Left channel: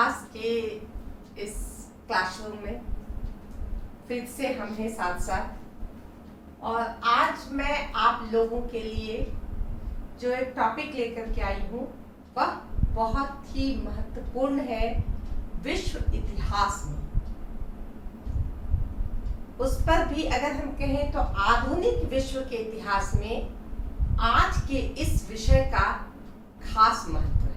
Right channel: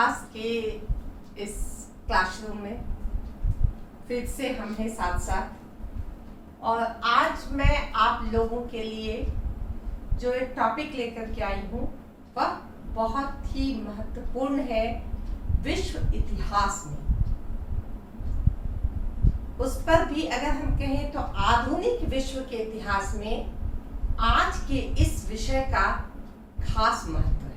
इतिहास के इस क्लासरूम में फिर से हम हैं साथ साथ। और आज मैं आप लोगों के लिए जो एक टॉपिक लेकर के आई हूँ वह बहुत ही महत्वपूर्ण है विश्व इतिहास में। उस पर भी अगर हम कहें तो आधुनिक विश्व के इतिहास में आज के इस विषय का खास महत्व है।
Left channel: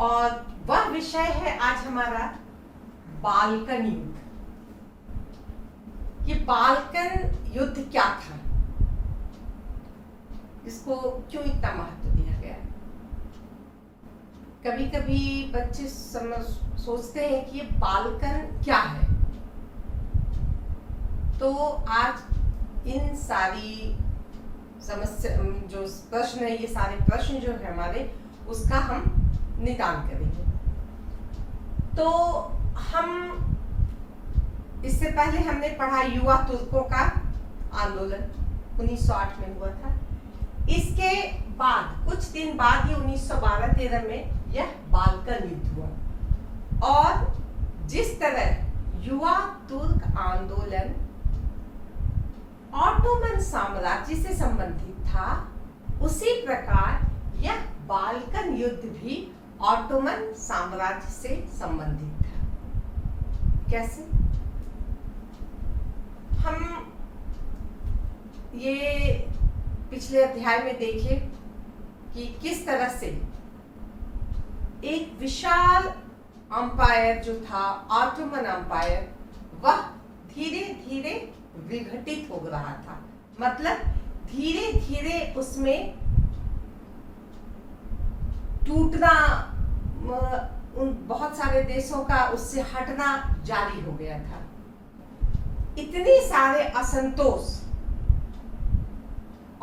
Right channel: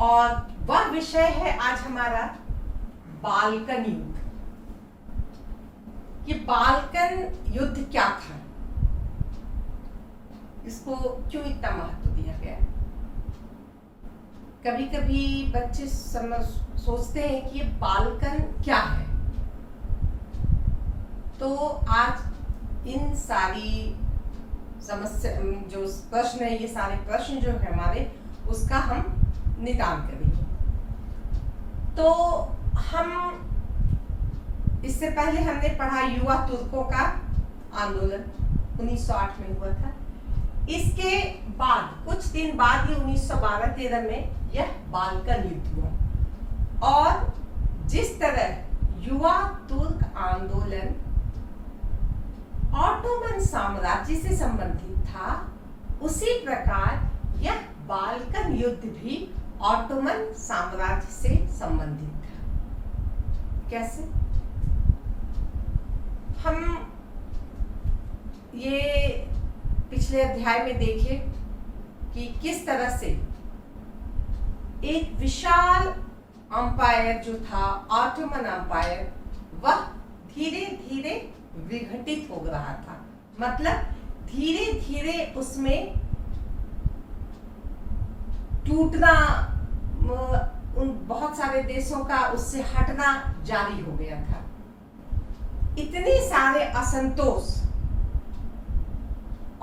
और वह विषय है आज हमारा बाल्कन युद्ध। ये बाल्कन युद्ध क्या था, इसको क्यों इतना महत्व दिया गया? कभी कभी बच्चे सोचते हैं कि ये बाल्कन क्या है। तो आज इन सारी समस्या जो प्रश्न है, ये सारे प्रश्न जो है हमारे, उसका हम निदान करेंगे। तो हम इससे पहले हमने पढ़ा युवा तुर्कों का आंदोलन 1908 में हुआ था। इसके बाद कुछ दिन बाद ही 1912-13 में यह बाल्कन युद्ध हुआ। और जिस तरह युवा तुर्क आंदोलन ऑटोमन साम्राज्य से संबंधित था, उसी प्रकार यह बाल्कन युद्ध भी ऑटोमन साम्राज्य से संबंधित था। कैसे? हम ये पिछले अध्याय में देखे कि किस तरह से एक विशाल अंपायर जो था ऑटोमन अंपायर, वह धीरे धीरे विघटित हो रहा था। मतलब धीरे धीरे उसमें टूटना, उन बहुत सारे देशों का उससे हटना जारी हो गया था। इतने सारे असंतोष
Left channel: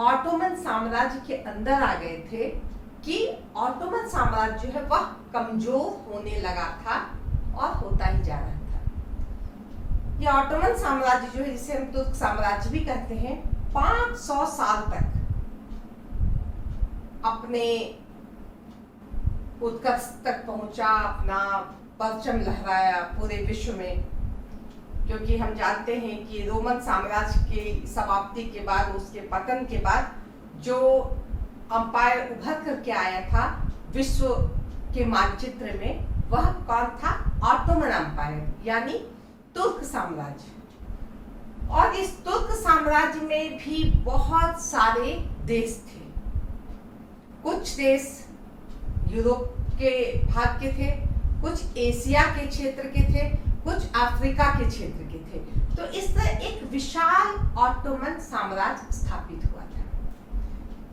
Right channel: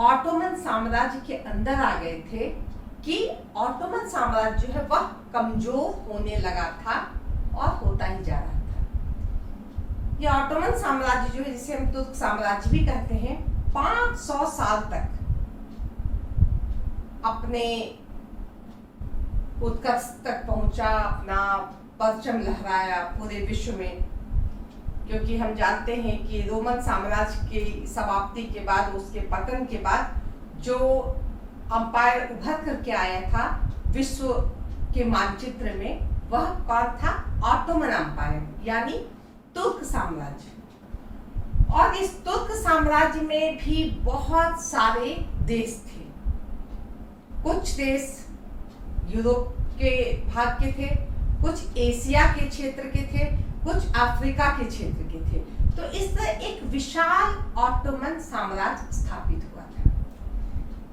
ऑटोमन साम्राज्य के अंदर आ गए थे कि ऑटोमन साम्राज्य जो है वह कमजोर होने लगा था और होता ही जा रहा था। यह ऑटोमन साम्राज्य जो है, जिसे हम तुर्क साम्राज्य भी कहते हैं, 500 साल तक अपने उत्कर्ष तक पहुंचा, अपना परचम लहराया पूरे विश्व में। क्योंकि हम जानते हैं कि रोमन साम्राज्य की समाप्ति के बाद, उसके पतन के बाद, जो अंपायर उभर करके आया था विश्व के मानचित्र में, वह कौन था? ऑटोमन अंपायर, यानी तुर्क साम्राज्य। और इस तुर्क साम्राज्य में भी बहुत सारे देश थे। कुछ देश यूरोप के भाग के थे, कुछ एशिया के क्षेत्र के थे, कुछ अफ्रीका के क्षेत्र के थे। तो इस तरह एक विशाल ऑटोमन साम्राज्य स्थापित हुआ था।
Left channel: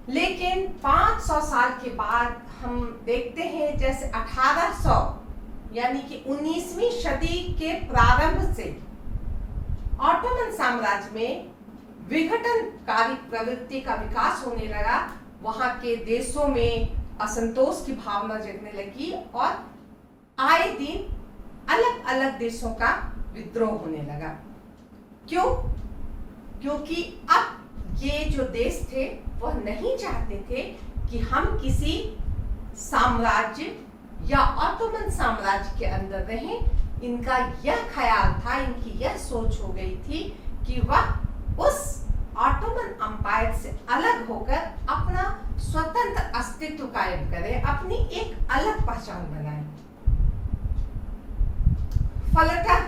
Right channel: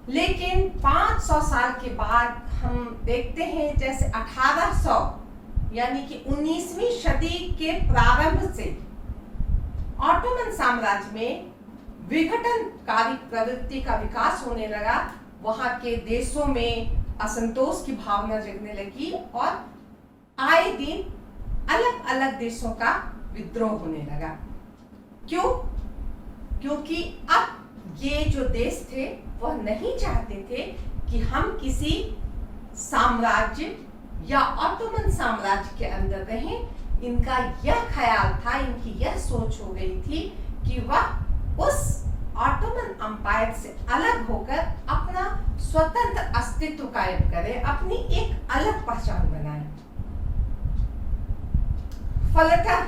लेकिन 500 साल के बाद हम देखते हैं जैसे 1800 यानी कि 19वीं सदी के प्रारंभ से ऑटोमन साम्राज्य में विघटनकारी प्रवृत्ति का विकास होने लगा। वहां के देशों में असंतोष की भावना जगने लगी और आए दिन अलग अलग देशों का विद्रोह होने लगा। क्यों? क्योंकि अब ये जो देश थे वह नहीं चाहते थे कि हम किसी साम्राज्य या ऑटोमन साम्राज्य के अंदर रहें। इनका यह ख्याल था, इनकी यह सोच हो गई थी कि वह उस ऑटोमन अंपायर से अलग होकर अपना स्वतंत्र अस्तित्व कायम करें, अपनी एक अलग पहचान बनाएं। फलतः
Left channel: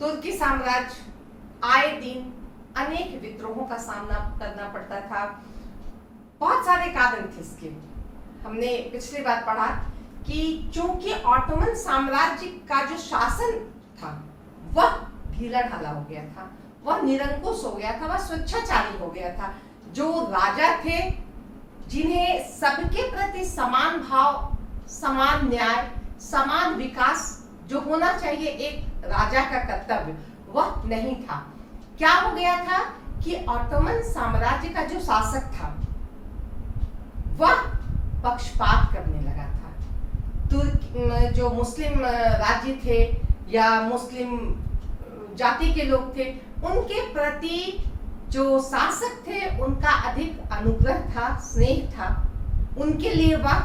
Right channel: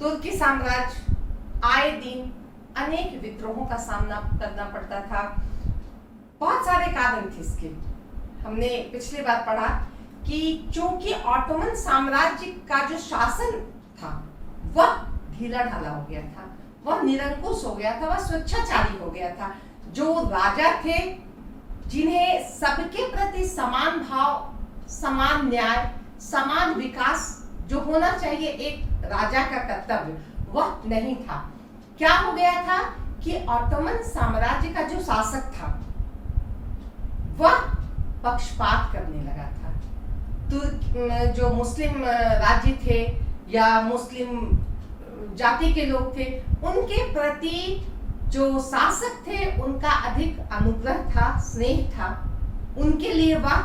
तुर्की साम्राज्य आए दिन अनेक विद्रोहों का सामना करना पड़ता था। बहुत सारे कारण थे इसके। हमने पिछली बार पढ़ा कि चूंकि ऑटोमन साम्राज्य का जो शासन था वह ढीला ढाला हो गया था, वह निरंकुश हो गया था, वह स्वेच्छाचारी हो गया था। जो राजा थे, जिन्हें सबके प्रति समान भाव, समान न्याय, समान विकास जो होना चाहिए एक राजा का कर्तव्य, वह नहीं था। क्या हो गया था कि ऑटोमन साम्राज्य का जो शासक था वह पक्षपात करने लगा था। तुर्क जो मुस्लिम राज्य थे या मुस्लिम जाति के लोग थे, उनके प्रति जो शासक थे उनका अधिक अनुग्रह था, स्नेह था। उनके लिए वह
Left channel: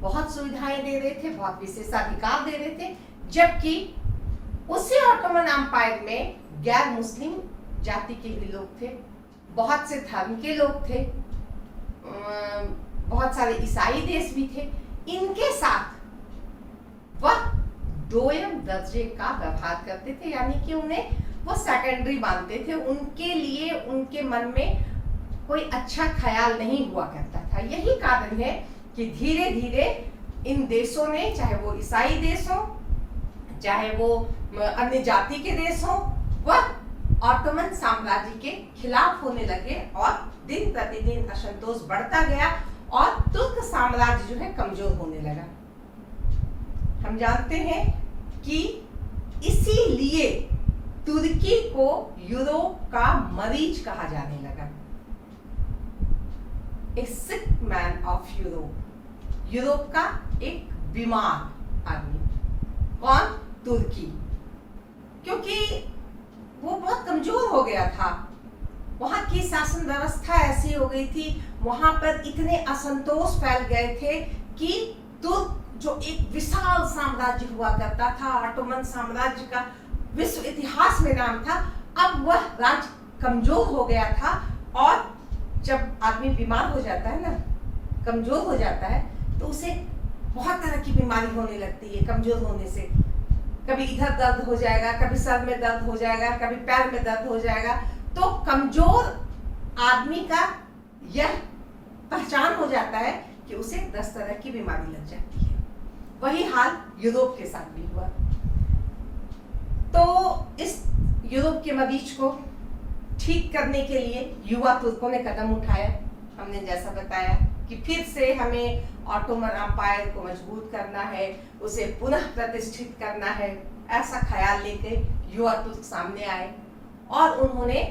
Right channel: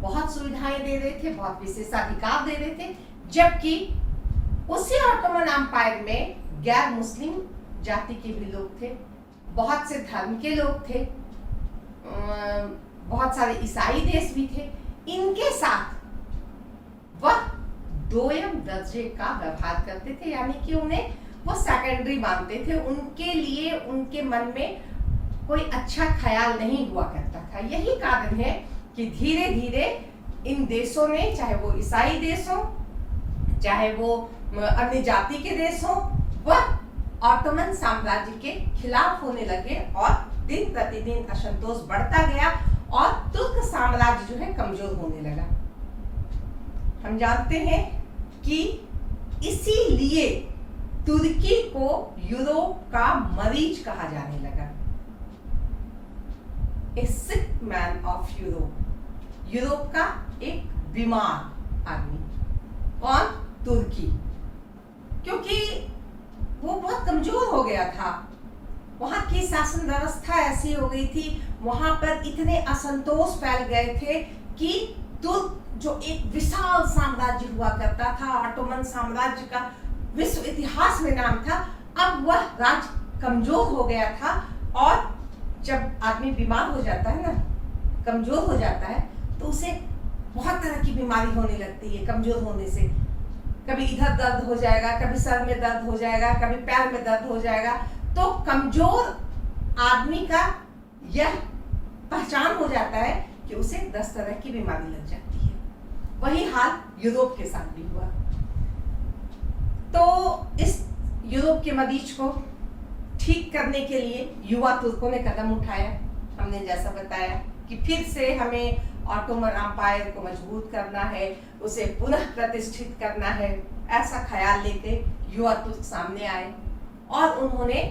बहुत सुविधाएं दे रहे थे, बहुत विशेषाधिकार दे रहे थे, जबकि उसी ऑटोमन एम्पायर में गैर मुस्लिम जाति के भी लोग थे, बहुत से धर्म के लोग थे, बहुत सारे ईसाई देश भी थे। इनके साथ वह दोयम दर्जे का व्यवहार करते थे, यानी कि उन्हें वो सेकेंडरी मानते थे। उनके लिए उनके मन में कोई अच्छा ख्याल नहीं हुआ करता था। यही कारण है कि धीरे धीरे इन देशों ने, चाहे वो ईसाई देश हो, चाहे वो अन्य जाति के देश हो, वह ऑटोमन साम्राज्य के खिलाफ होने लगे और दिन प्रतिदिन असंतोष बढ़ता गया और तुर्क साम्राज्य जो है कमजोर होने लगा। हम जानते हैं कि इसीलिए तुर्की को यूरोप का मरीज कहा जाने लगा, a sick man of Europe, Europe का एक बीमार आदमी। कौन? तुर्की, क्योंकि वो बहुत कमजोर हो गया था। वहां की शासन व्यवस्था ऐसी हो गई थी, वहां पर इतने असंतोष फैल गए थे कि तुर्क जो एक विशाल साम्राज्य हुआ करता था, ऑटोमन साम्राज्य का विश्व इतिहास में नाम था, अब वह राज्य कमजोर हो गया था। और जब आदमी बीमार हो जाता है ना, कमजोर हो जाता है, तो उसे बहुत तरह की बीमारी होने लगती है। कमजोर होने से कभी इधर दर्द हो जाएगा, कभी सर में दर्द हो जाएगा, कभी पैर में दर्द हो जाएगा। तो कमजोर आदमी का यह पहचान हो जाता है कि उसे 10 तरह की बीमारी लग जाती है। वही हाल यूरोप के साथ भी हुआ। तो इस यूरोप के मरीज को ठीक करने के लिए युवा तुर्कों ने कदम उठाया। हमने जैसा बताया कि फिर से हमें ऑटोमन एम्पायर को मजबूत करना है, उसे पुनः प्रतिष्ठित करना है, ऐसा ख्याल लेके युवा तुर्क सामने आए और उन्होंने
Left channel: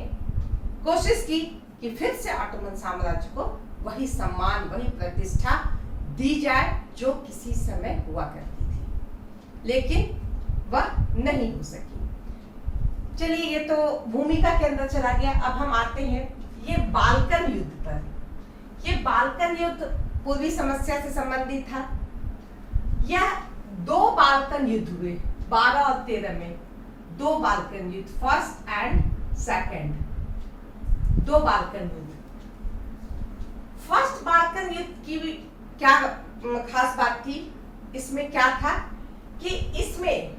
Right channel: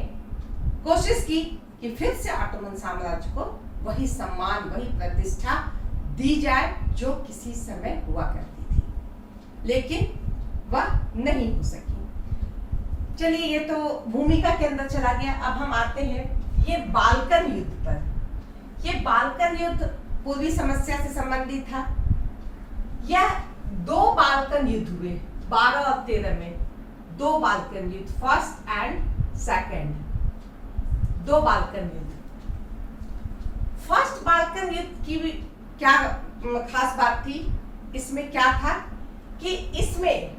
कोशिश की कि फिर से ऑटोमन साम्राज्य को वही सम्मान, वही प्रतिष्ठा दी जाए जो किसी समय हुआ करती थी, लेकिन वह नहीं हो सकी। चलिए, ये तो भूमिका के अंदर चला गया। अब हम आते हैं ये बाल्कन युद्ध पर। ये बाल्कन युद्ध पूर्वी समस्या से संबंधित था। यह 2 बाल्कन युद्ध हुए 12 और 13 में। 2 बाल्कन युद्ध, फर्स्ट एंड सेकंड, 2 बाल्कन युद्ध। फर्स्ट बाल्कन युद्ध की क्या खास बात थी? इसमें क्या था कि इसमें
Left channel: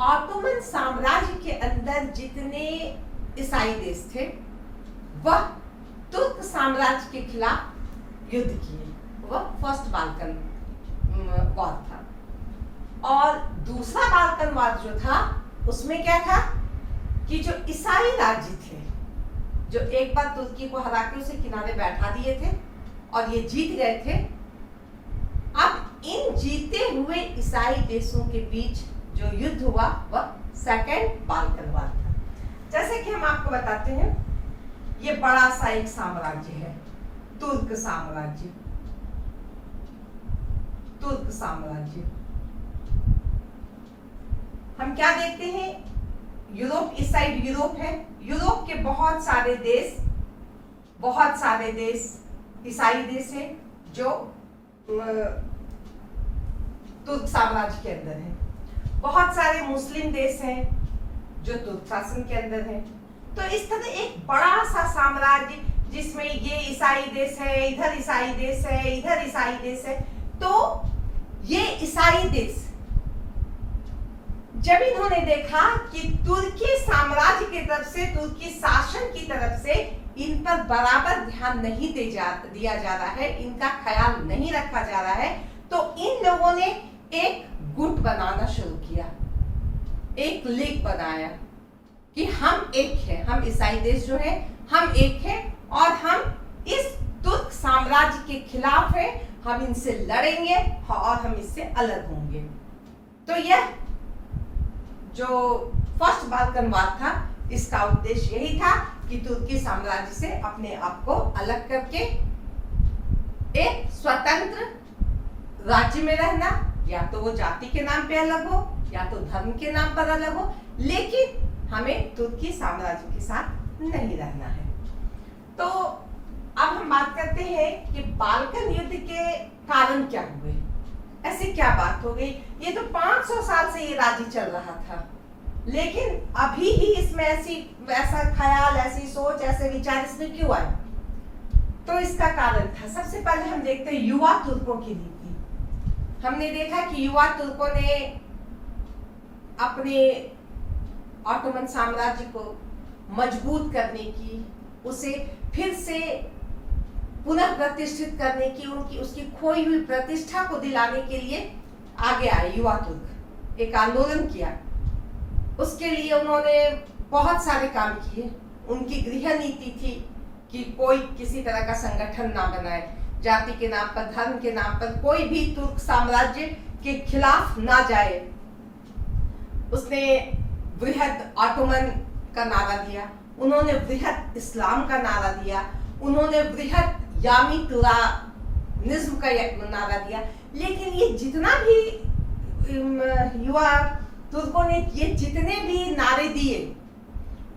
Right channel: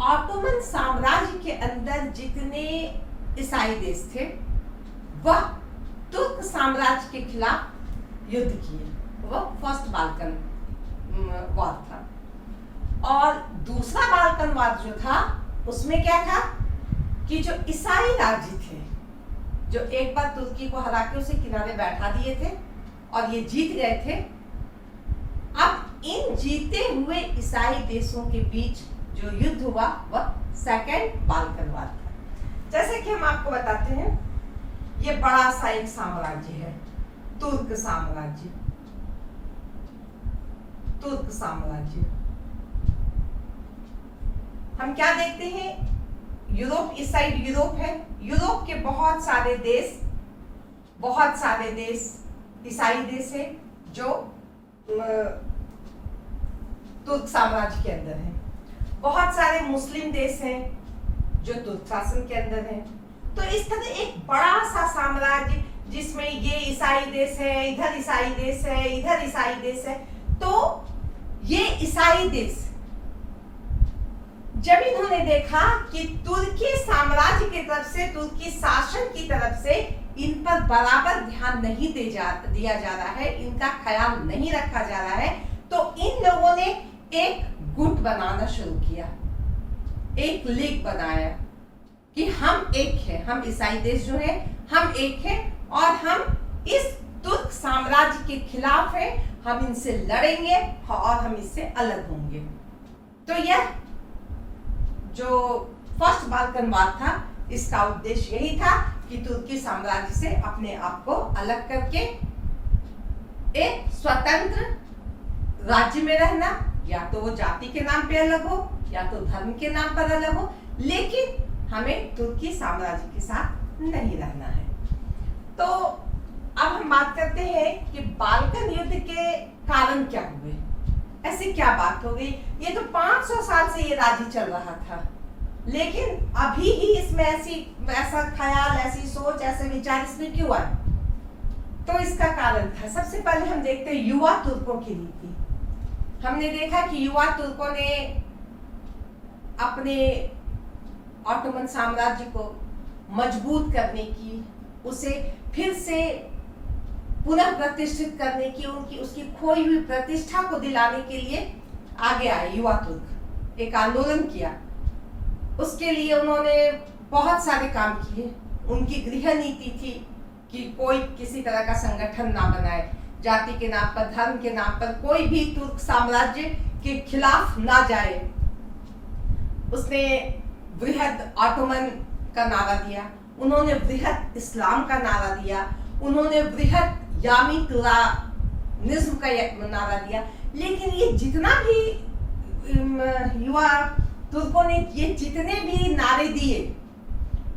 ऑटोमन साम्राज्य के अंदर जितने ईसाई देश थे वह तुर्क साम्राज्य के खिलाफ युद्ध किए। वह फर्स्ट बाल्कन वार था। और दूसरा बाल्कन वार जो था उसमें क्या था कि जो ईसाई राज्य थे, जो एक बार तुर्की को हरा के उसे किनारे बैठा दिए थे और ये जीत गए थे, अब इन जीते हुए ईसाई देशों के बीच जो युद्ध हुआ वह सेकंड बाल्कन वार था। जैसे कि हम आपको बताते हैं, ये बड़ा सा एक साम्राज्य है, तुर्क साम्राज्य। तुर्क साम्राज्य हम क्या देखते हैं? यूरोप, इस साइड यूरोप है। यूरोप के बहुत सारे देश ईसाई देश है जो तुर्क साम्राज्य के अंदर है। बहुत सारे मुस्लिम देश हैं जो तुर्क शासन के अंदर हैं। तो इस तरह एक बड़ा सा साम्राज्य जिसमें ये ईसाई देश है, इधर ईसाई देश है, इधर ईसाई देश है। तो ये ईसाई देश जब इन्होंने देखा कि तुर्की साम्राज्य की तरफ से, तुर्की शासन की तरफ से इन पर बराबर ध्यान नहीं दिया जा रहा है, इनका ख्याल नहीं रखा जा रहा है, तो इन लोगों ने एक गुट बनाना शुरू किया, एक लीग बनाया कि हम एक हैं, हम ईसाई देश जो हैं हम एक हैं और हम इस तुर्क साम्राज्य के खिलाफ हैं, हम इनसे लड़ेंगे और हम इससे अलग होंगे। तो यह जो फर्स्ट बाल्कन वार था, इसका उद्देश्य यही था कि तुर्की साम्राज्य से अपने आप को अलग करके एक स्वतंत्र राज्य में रहना, या तो वो जाति के नाम पे अलग हो या तो धर्म के नाम पर अलग हो, लेकिन हमें तुर्की साम्राज्य के साथ नहीं रहना है। तो अब हम बात करते हैं कि बाल्कन युद्ध के कारण क्या हुए, ऐसी क्या बात हो गई। ये तो 500 साल से ये राज्य चल रहा था, लेकिन अभी ही इसमें ऐसा ख्याल, ऐसी सोच, ऐसे विचार इसमें क्यों आए। तो इसका कारण था, सबसे पहले हम देखते हैं युवा तुर्कों की नीति। हमने देखा कि युवा तुर्कों ने अपने ऑटोमन साम्राज्य को मजबूत करने की, उसे फिर से पुनः प्रतिष्ठित करने की, उसकी खोई हुई प्रतिष्ठा को दिलाने के लिए आगे आए युवा तुर्क, एक आंदोलन किया। उसके लिए उन्होंने बहुत सारे काम किए। उनकी गृह नीति थी कि कोई किसी तरह का संगठन ना बनाए, जाति के नाम पर, धर्म के नाम पर कोई भी तुर्क साम्राज्य के खिलाफ ना जाए। उसने बृहद ऑटोमन का नारा दिया, उन्होंने बृहद इस्लाम का नारा दिया, उन्होंने बृहद यामी तुरानिज्म का नारा दिया। लेकिन ये जितना भी युवा तुर्कों ने ये जितने भी नारे दिए,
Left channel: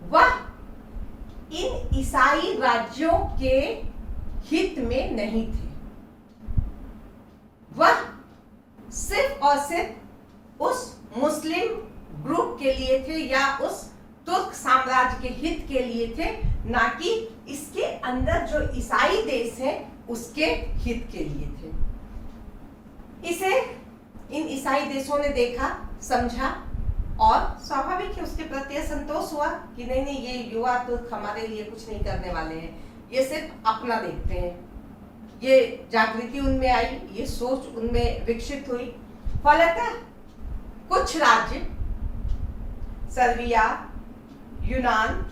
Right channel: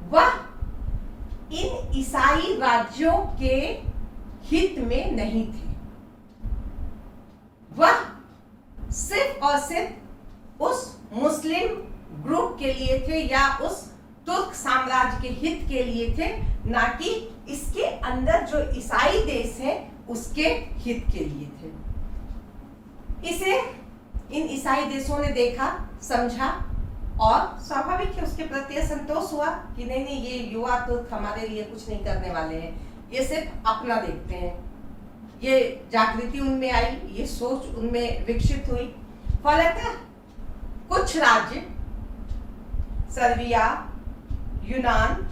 वह इन ईसाई राज्यों के हित में नहीं थे। वह सिर्फ और सिर्फ उस मुस्लिम ग्रुप के लिए थे, या उस तुर्क साम्राज्य के हित के लिए थे, ना कि इसके अंदर जो ईसाई देश है उसके हित के लिए थे। इसे इन ईसाई देशों ने देखा, समझा, और स्वाभाविक है उसके प्रति संतोष हुआ कि नहीं नहीं, ये युवा तुर्क हमारे लिए कुछ नहीं करने वाले हैं, ये सिर्फ अपना देखते हैं। ये जागृति उनमें आई, ये सोच उनमें विकसित हुई। फलतः कुछ राज्य, सर्बिया, यूनान,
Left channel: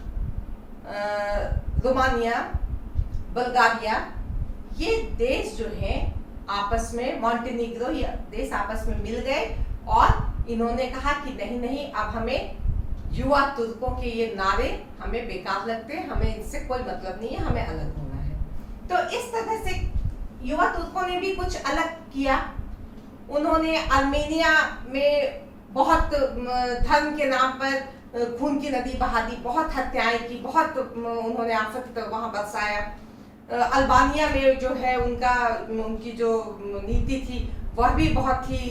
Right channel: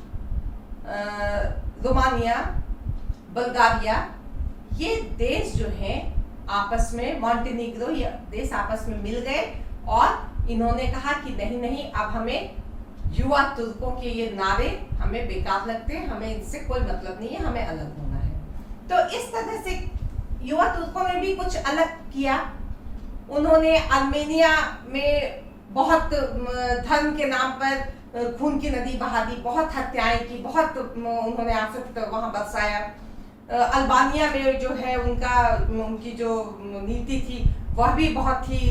रोमानिया, बुल्गारिया, ये देश जो हैं आपस में, मॉन्टेनिग्रो, ये देश आपस में मिल गए और इन्होंने कहा कि नहीं नहीं, अब हमें युवा तुर्कों के ये नारे हमें बेकार लगते हैं, हमें इनसे कोई मतलब नहीं है, हमें अलग होना है। तो इस तरह से युवा तुर्कों ने भी कुछ अलग किया। उन्होंने आर्मेनिया में बहुत धर्म के नाम पर खून की नदी बहा दी, बहुत हत्याएं की, बहुत उन्होंने आफत वहां बरसाया। अल्बानिया में जो है उनकी जो नीति थी वह भी बहुत ही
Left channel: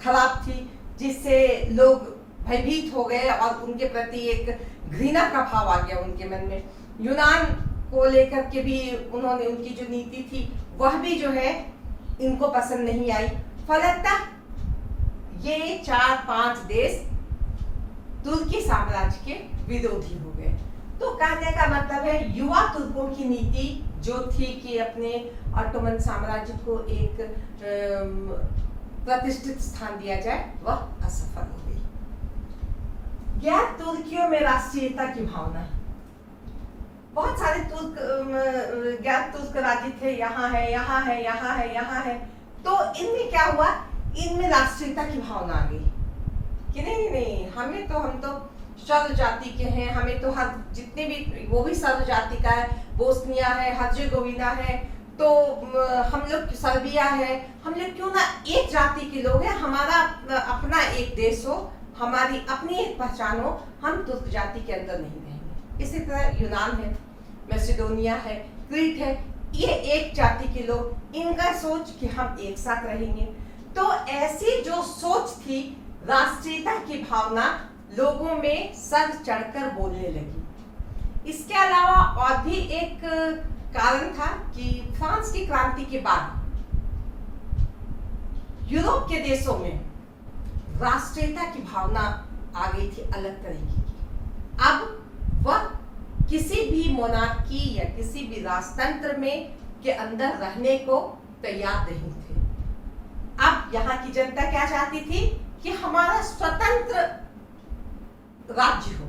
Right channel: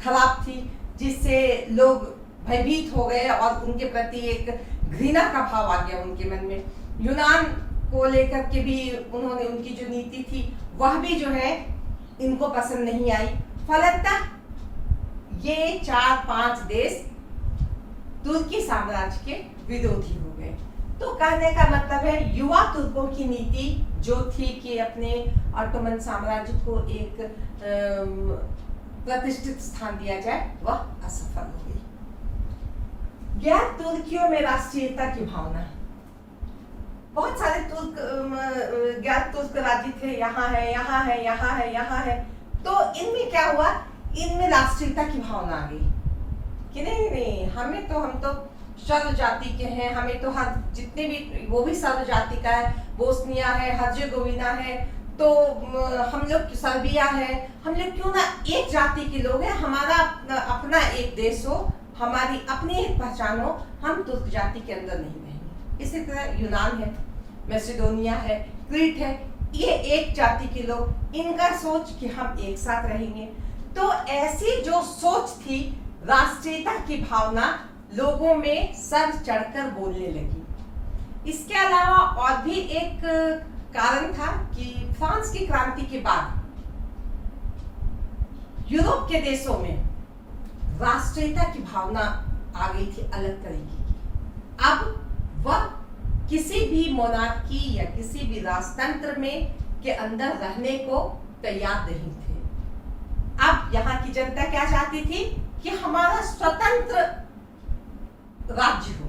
खराब थी, जिससे लोग भयभीत हो गए और उनके प्रति एक घृणा का भाव आ गया उनके मन में। यूनान को लेकर के भी उन्होंने, उनकी जो नीति थी वह भी जो है इनको पसंद नहीं आई। फलतः ये 4-5 देश तुर्की साम्राज्य के विरोधी हो गए। तो कहने का मतलब है युवा तुर्कों की नीति जो थी कि अपने ऑटोमन साम्राज्य को एक प्रतिष्ठित स्थान दिया जाए, वह असफल हो गई। गैर तुर्कियों में राष्ट्रीयता की भावना, बहुत सारे गैर तुर्क राज्य थे, यहाँ है, यहाँ है, यहाँ है, यहाँ है। तो इनमें क्या हुआ, इनमें राष्ट्रीयता की भावना आ गई कि नहीं नहीं, हम तो सर्व जाति के हैं, हमें तो हर जितने भी, वो भी सर्व जाति का है, बोस्निया है, हर्जेगोविना है, तो हम लोग सर्बिया है, हम लोग क्यों ना एक जाति के लोग हैं, हमारा अपना एक देश हो, हमारी अपनी एक पहचान हो, हम तुर्क जाति के अंदर नहीं रहेंगे। इसी तरह यूनान है, मैसेडोनिया है, क्रीट है, ये एक जाति के लोग, इनका सोच कि हम एक साथ रहेंगे। तो ऐसी जो सोच थी, राष्ट्रीयता की भावना लोगों में सर चढ़कर बोलने लगी। इसके अलावा और भी एक कारण था कि फ्रांस की क्रांति के बाद यूरोप के देशों में राष्ट्रीयता की भावना आ गई थी अलग तरीके की। अब वह किसी भी मोनार्की या किसी भी राजतंत्र में के अंदर रहने को तैयार नहीं थे। अब यहाँ की जनता क्या चाहती थी कि हमारा स्वतंत्र राज्य हो,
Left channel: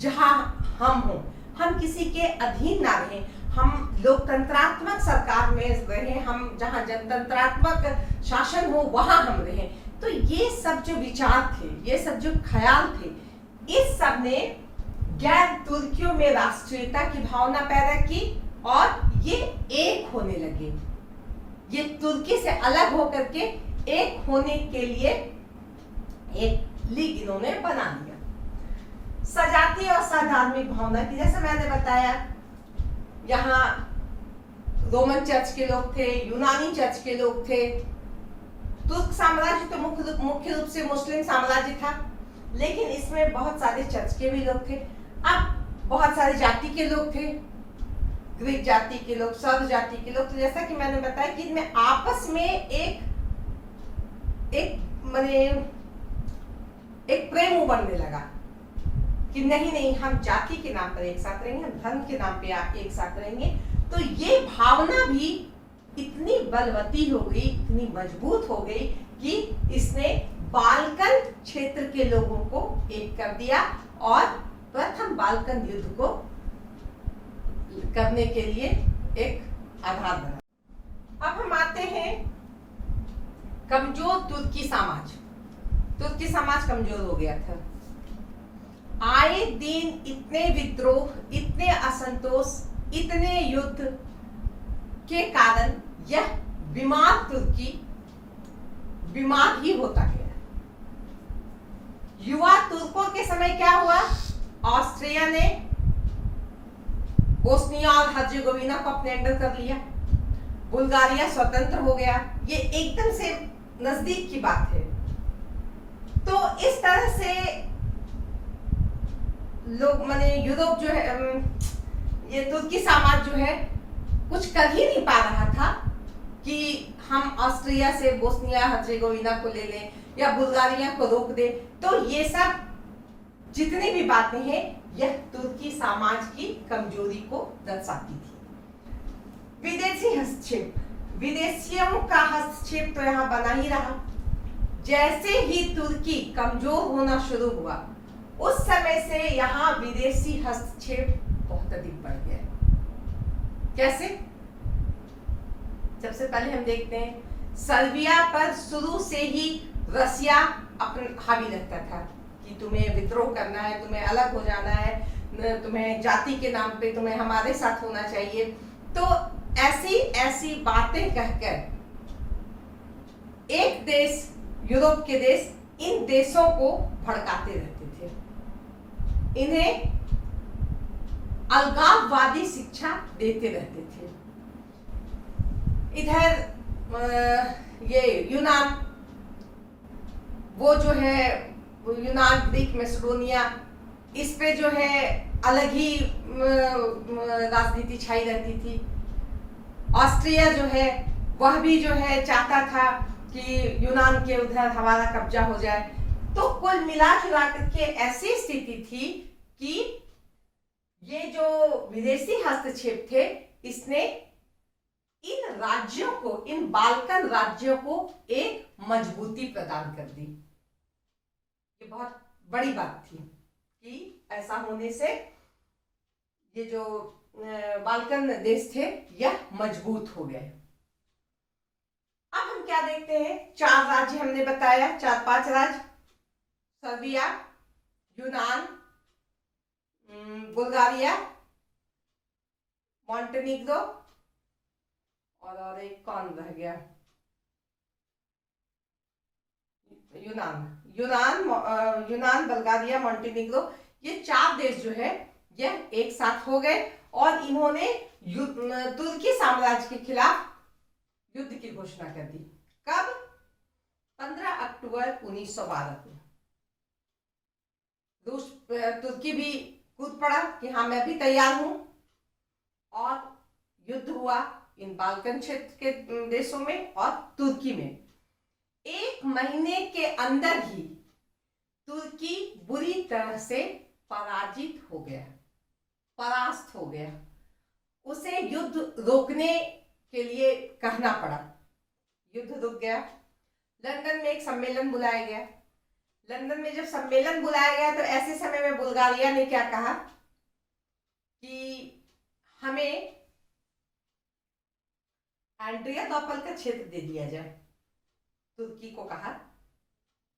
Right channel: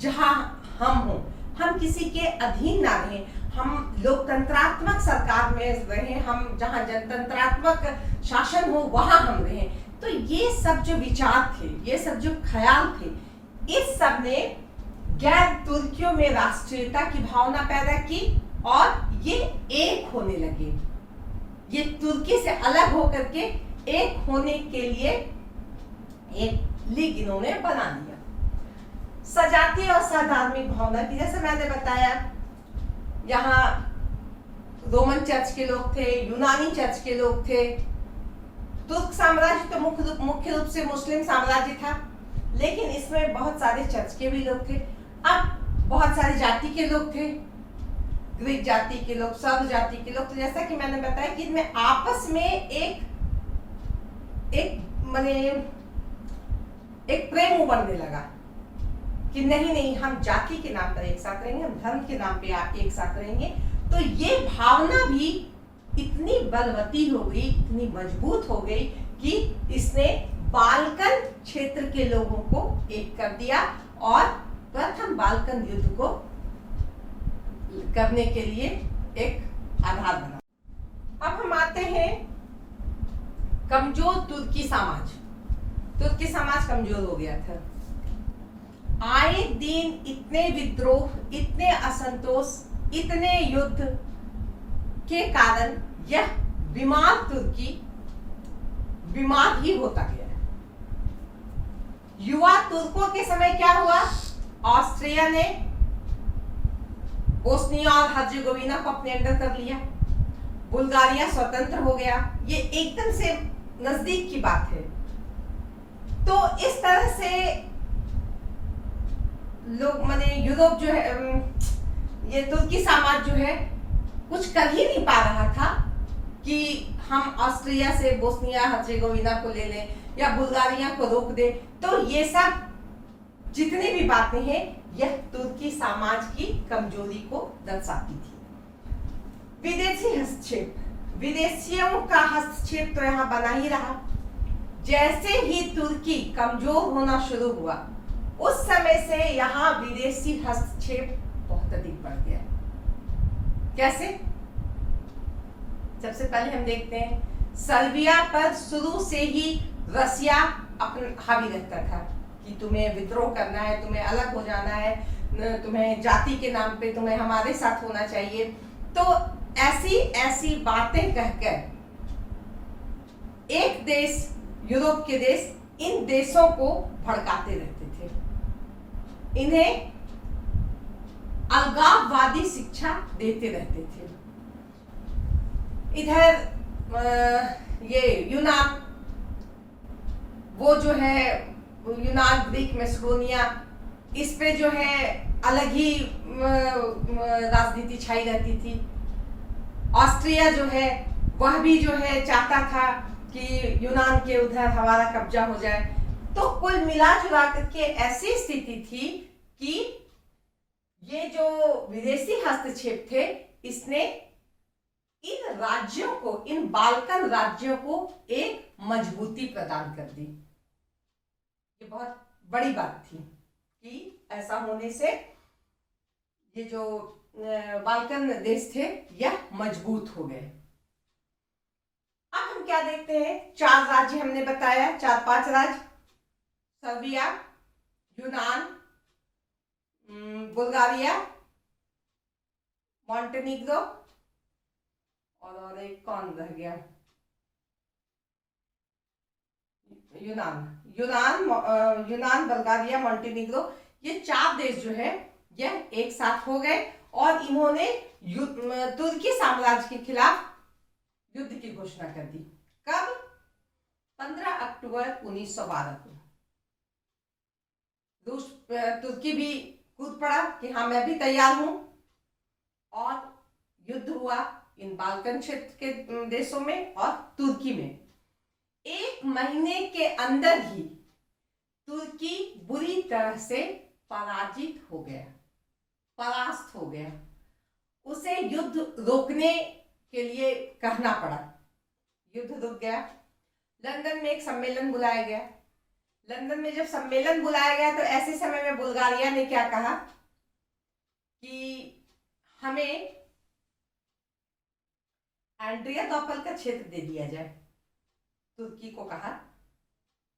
जहां हम हो, हम किसी के अधीन ना रहें, हम लोकतंत्रात्मक सरकार में रहें, हम जहां जनतंत्रात्मक शासन हो वहां हम रहें। तो ये सब जो विचार थे, ये सब जो ख्याल थे, इस सब ने गैर तुर्कियों में राष्ट्रीयता की भावना पैदा की और ये एक होने लगे। ये तुर्की से अलग होकर के एक होने के लिए एक लीग इन्होंने बना दिया। सजातीय और साधार्मिक भावना की, जैसे मैंने बताया, यहाँ रोमन चर्च के लोग थे, यूनानी चर्च के लोग थे। तुर्क साम्राज्य तो मुख्य रूप से मुस्लिम साम्राज्य था, लेकिन इसमें बहुत सारे चर्च के भी लोग थे। अब बहुत सारी जाति के लोग थे, ग्रीक जाति के लोग, सर्व जाति के लोग। तो जैसा कि मैंने बताया कि इनमें आपस में एक प्रेम उभरने लगा कि नहीं हम जाति के नाम पर एक साथ रहेंगे, हम धर्म के नाम पे एक साथ रहेंगे। तो ये भावना भी इतनी बलवती हो गई, इतनी मजबूत हो गई कि इसने बाल्कन क्षेत्र के लोगों को एक कर दिया और प्रथम बाल्कन युद्ध को करने के लिए एक आधार बना। अब हम आते हैं कमजोर तुर्की समाज। तुर्की समाज कमजोर हो गया था। आए दिन इतने विद्रोह, इतने असंतोष, इतने युद्ध के कारण यह बीमार तुर्की बीमार ही होता गया। युवा तुर्कों के समय क्या हुआ? ऑस्ट्रिया ने बोस्निया और हर्जेगोविना को अपने अंडर कर लिया, बुल्गारिया स्वतंत्र हो गया। ये एकदम से नजदीक की बात है। तो इस तरह से लोग माने यूरोप जो है, ये तुर्की समाज जो है कुछ कर ही नहीं पा रहा था कि हम ऑस्ट्रिया से बोस्निया हर्जेगोविना को ले लें या बुल्गारिया को रोक दे। तो ये सब जितनी भी बातें हैं यह तुर्की समाज की कमजोरी को दर्शाती थी। विदेशी हस्तक्षेप, विदेशियों का हस्तक्षेप तो यहाँ बना ही रहा। जैसे ही तुर्की कमजोर होना शुरू हुआ, उस समय से यहाँ विदेशी हस्तक्षेप बहुत अधिक बढ़ गया। कैसे? सबसे पहले हम देखते हैं सर्बिया पर शुरू से ही रसिया अपन हावी रहता था कि तुम्हें विद्रोह करना है, तुम्हें अलग हो जाना है, तुम्हें जाति के नाम पे तुम्हें हमारे साथ होना चाहिए। तो ऐसी ऐसी बातें कहकर एक देश, यूरोप के देश, इन देशों को भड़काते रहते थे, इन्हें अलगाववादी शिक्षा देते रहते थे। इधर ये यूनान, वो जो है यूनान, ग्रीक, मैसेडोनिया, इस पे जो है अलग ही राजनीति छाई रहती थी। ऑस्ट्रिया जो है वह भी जो है चाहता था कि यूनान के उधर हमारा कब्जा हो जाए। तो कुल मिला जुला करके ऐसी स्थिति थी कि ये जो विदेशी हस्तक्षेप थे, इसने इन राज्यों को, इन बाल्कन राज्यों को एक मजबूती प्रदान कर दी। ये बहुत बड़ी बात थी कि ऐसा होने से ये जो बाल्कन देश थे यह मजबूत हो गए। अब हम क्या देखते हैं? 4 राज्य हमने बताया, 4-5 राज्य, सर्बिया, यूनान, बुल्गारिया, मॉन्टेनिग्रो और एक कौन रह गया? यूनान, बुल्गारिया, मॉन्टेनिग्रो, ये 4 देश जो है यह एक साथ हो गए और इन्होंने तुर्की साम्राज्य के खिलाफ युद्ध की घोषणा कर दी। कब? 15 अक्टूबर 1912 को। तुर्की भी कूद पड़ा कि हाँ मैं भी तैयार हूं, और युद्ध हुआ इन बाल्कन क्षेत्र के देशों में और तुर्की में। 1 महीने के अंदर ही तुर्की बुरी तरह से पराजित हो गया, परास्त हो गया। उसे युद्ध रोकने के लिए कहना पड़ा, युद्ध रुक गया। लंदन में एक सम्मेलन बुलाया गया। लंदन में जब सम्मेलन बुलाया गया तो ऐसे समय में बुल्गारिया ने क्या कहा कि हमें एड्रियानोपल का क्षेत्र दे दिया जाए। तुर्की को कहा,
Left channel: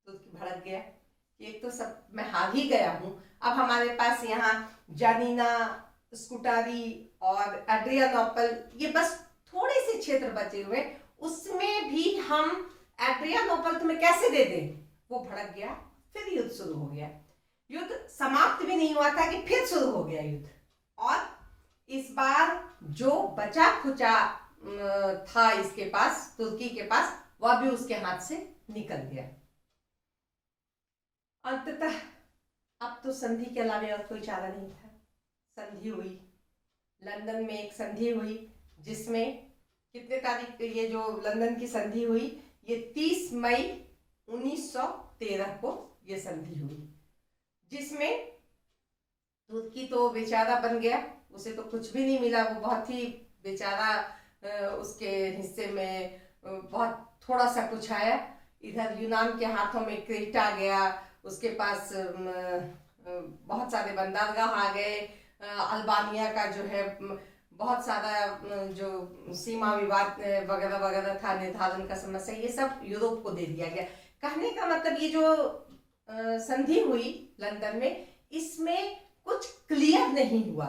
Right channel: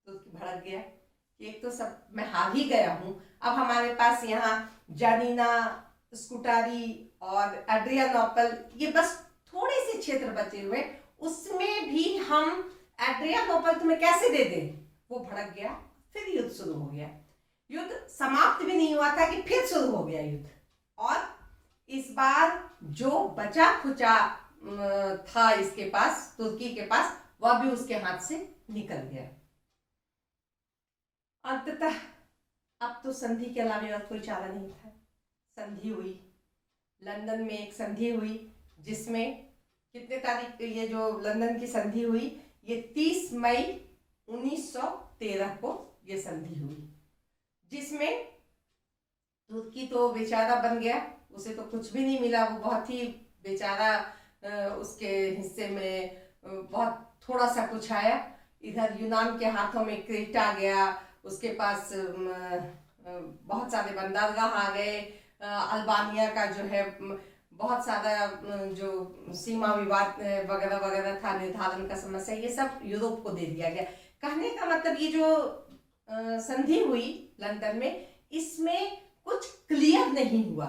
तुर्की भड़क गया कि एक तो सब मैं हार ही गया हूं, अब हमारे पास यहाँ जानीना, स्कूटारी और एड्रियानोपल, ये बस थोड़े से क्षेत्र बचे हुए, उसमें भी हम एड्रियानोपल तुम्हें कैसे दे दें? वो भड़क गया। फिर युद्ध शुरू हो गया। युद्ध समाप्त भी नहीं हुआ था कि फिर शुरू हो गया युद्ध। और इस बार जो बचा खुचा था इसके पास, तुर्की के पास, वह भी उसके हाथ से निकल गया। अंततः अब तो संधि के अलावा और कोई चारा नहीं था। संधि हुई, लंदन में एक संधि हुई, जिसमें कितने तारीख, ये जो लंदन की संधि हुई, ये 30 मई 1913 को ये संधि हुई, जिसमें तुर्की तो बेचारा बन गया, उसे तो कुछ भी नहीं मिला, वो बहुत ही बेचारा, उसके हिस्से में बहुत थोड़ा सा कुछ आया। इधर यूनान के हाथों में क्रेट आ गया, उसके पास बहुत सारे बंदरगाह आ गए, अल्बानिया का जो है बहुत सारा जो सीमा विवाद वगैरह वगैरह था, निर्धारण का समस्या, ये सब यूरोप को दे दिया गया। कहने का मतलब ये जो संधि हुई लंदन में, इसमें कुछ क्लियर नहीं हुआ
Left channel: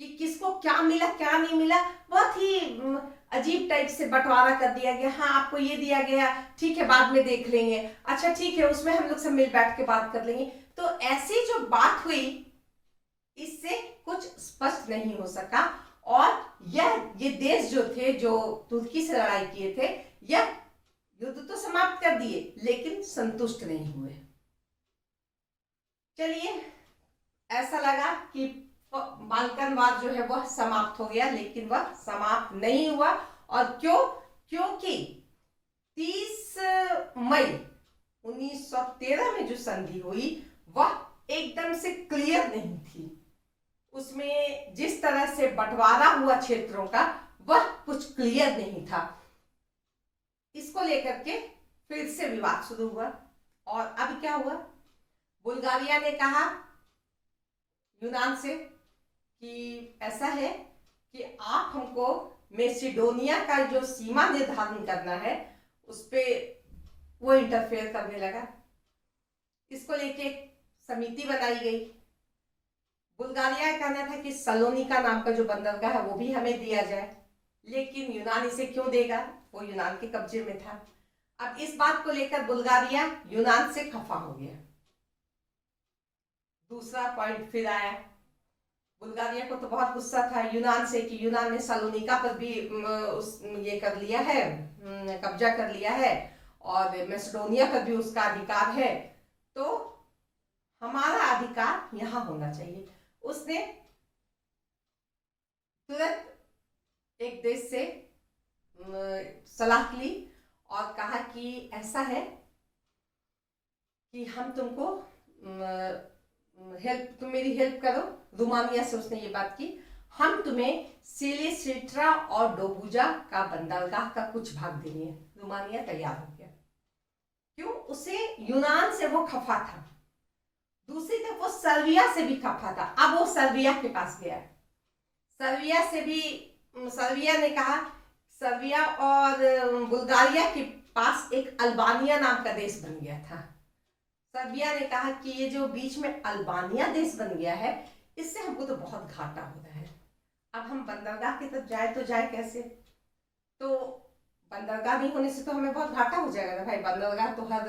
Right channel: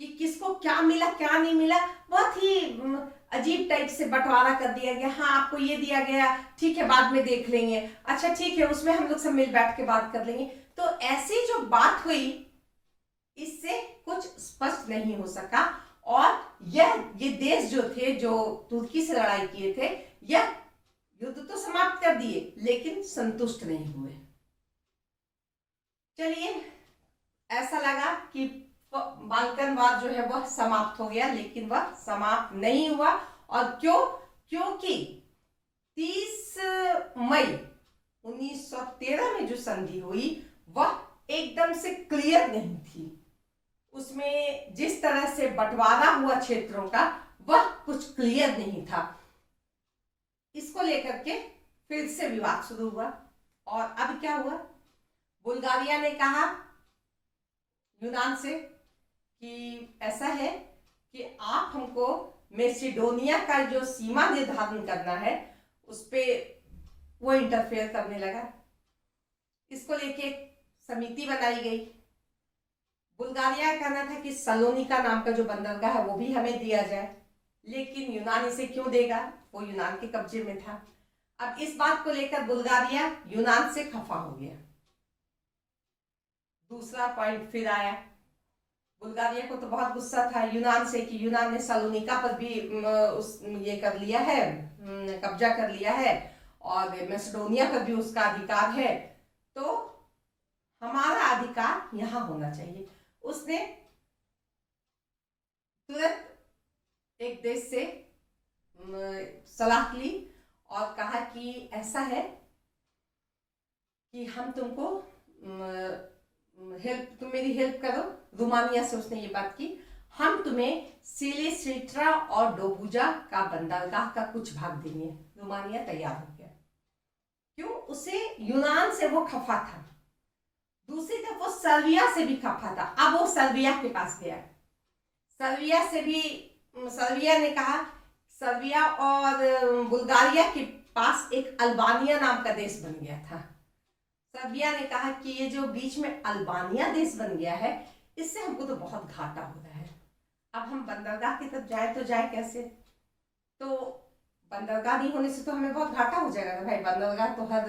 कि किसको क्या मिला क्या नहीं मिला। बहुत ही अजीब टाइप से बंटवारा कर दिया गया। हाँ, आपको ये दिया गया, ठीक है बाद में देख लेंगे, अच्छा ठीक है उसमें हम लोग सब मिल बैठ के बात कर लेंगे। तो ऐसी जो बात हुई, इससे कुछ स्पष्ट नहीं हो सका, और ये देश जो थे, जो तुर्की से लड़ाई किए थे, यह युद्ध तो समाप्त कर दिए लेकिन संतुष्ट नहीं हुए। चलिए, ऐसा लगा कि बाल्कनवाद जो है वह समाप्त हो गया, लेकिन वह समाप्त नहीं हुआ। और क्योंकि 30 मई 1913 में जो संधि हुई वह एकदम से क्लियर नहीं थी। उसमें जिस तरह से बंटवारा हुआ क्षेत्रों का, वह कुछ क्लियर नहीं था। इसको लेकर के फिर से विवाद शुरू हुआ। और अब क्या हुआ, बुल्गारिया ने कहा यूनान से कि ऐसा है कि आप हमको मैसेडोनिया का जो सीमा निर्धारण करना है, उस पे वो इंटरफेयर करने लगा। इसको लेके एक समिति बनाई गई। बुल्गारिया का कहना था कि सलोनिका नाम का जो बंदरगाह है वो भी हमें दिया जाए, लेकिन यूनान इसे क्यों देगा, वो यूनान के कब्जे में था। अब इस बात को लेकर बुल्गारिया यूनान से खफा हो गया। दूसरा पॉइंट फिर आया, बुल्गारिया को तो बहुत गुस्सा था यूनान से कि यूनान ने सलोनिका पर भी ये कर लिया है, कब्जा कर लिया है, और मैसेडोनिया पर भी उसका अधिकार है, तो हमारा अधिकार यहाँ होना चाहिए। उसने तुरंत एक देश से सलाह ली और कहा कि ऐसा है कि हम तुमको तुम मेरी हेल्प करो। रोमानिया से उसने ये बात की, हम तुम्हें सिलिसिट्रा और डोबुजा का बंदरगाह का कुछ भाग देंगे। रोमानिया तैयार हो गया। क्यों? उसे यूनान से वो खफा था, दूसरी तरफ वो सर्बिया से भी खफा था। अब वो सर्बिया के पास गया, सर्बिया से भी, सर्बिया ने कहा, सर्बिया और बुल्गारिया के पास एक अल्बानिया नाम का देश बन गया था। सर्बिया ने कहा कि ये जो बीच में अल्बानिया देश बन गया है, इससे हमको तो बहुत घाटा हो रहा है। अब हम बंदरगाह की तरफ जाए तो जाए कैसे? तो बंदरगाह नहीं होने से तो हमें बहुत घाटा हो जाएगा ना भाई, बंदरगाह तो हर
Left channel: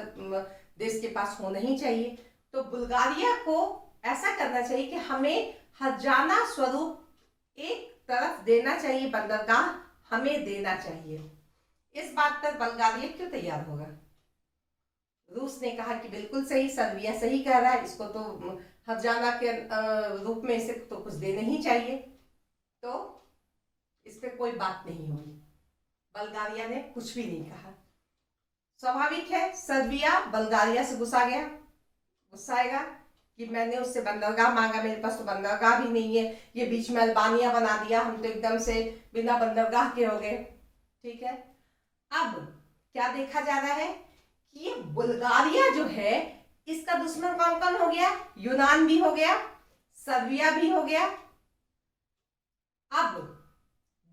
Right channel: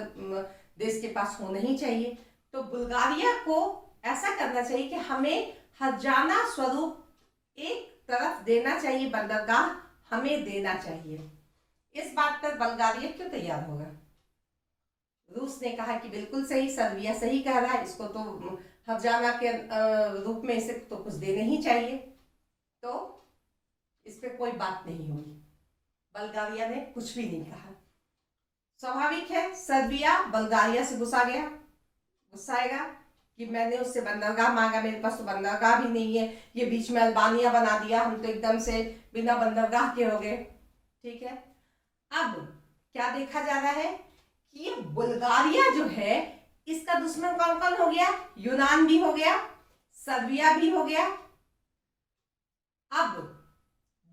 देश के पास होना ही चाहिए। तो बुल्गारिया को ऐसा करना चाहिए कि हमें हर्जाना स्वरूप एक तरफ देना चाहिए, बंदरगाह हमें देना चाहिए। इस बात पर बुल्गारिया क्यों तैयार होगा? रूस ने कहा कि बिल्कुल सही, सर्बिया सही कह रहा है, इसको तो हर्जाना के रूप में इसे तो कुछ देना ही चाहिए। तो इस पे कोई बात नहीं हुई, बुल्गारिया ने कुछ भी नहीं कहा। स्वाभाविक है, सर्बिया बुल्गारिया से गुस्साएगा कि मैंने उससे बंदरगाह मांगा, मेरे पास तो बंदरगाह भी नहीं है, ये बीच में अल्बानिया बना दिया, हम तो एकदम से बिना बंदरगाह के हो गए। ठीक है, अब क्या देखा जा रहा है कि ये बुल्गारिया जो है, इसका दुश्मन कौन कौन हो गया? यूनान भी हो गया, सर्बिया भी हो गया। अब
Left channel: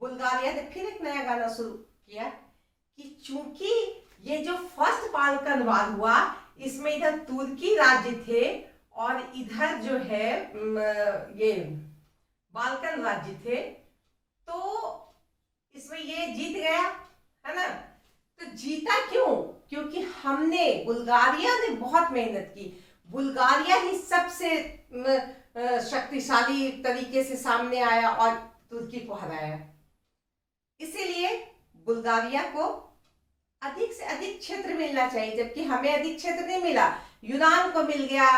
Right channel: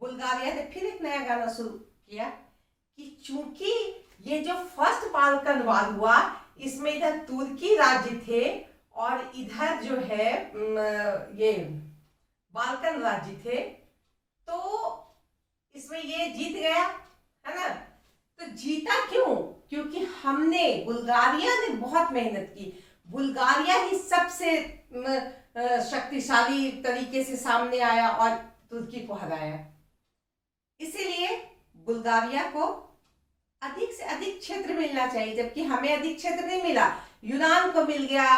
बुल्गारिया ने फिर एक नया गाना शुरू किया कि चूंकि ये जो फर्स्ट बाल्कन वार हुआ, इसमें इधर तुर्की राज्य थे और इधर जो है ये बाल्कन राज्य थे, तो इसमें ये जीत गया है ना। तो जीता क्यों? क्योंकि हमने, बुल्गारिया ने बहुत मेहनत की, बुल्गारिया ही सबसे शक्तिशाली तरीके से सामने आया और तुर्की को हराया। इसीलिए बुल्गारिया को अधिक से अधिक क्षेत्र मिलना चाहिए, जबकि हमें अधिक क्षेत्र नहीं मिला। यूनान को मिल गया,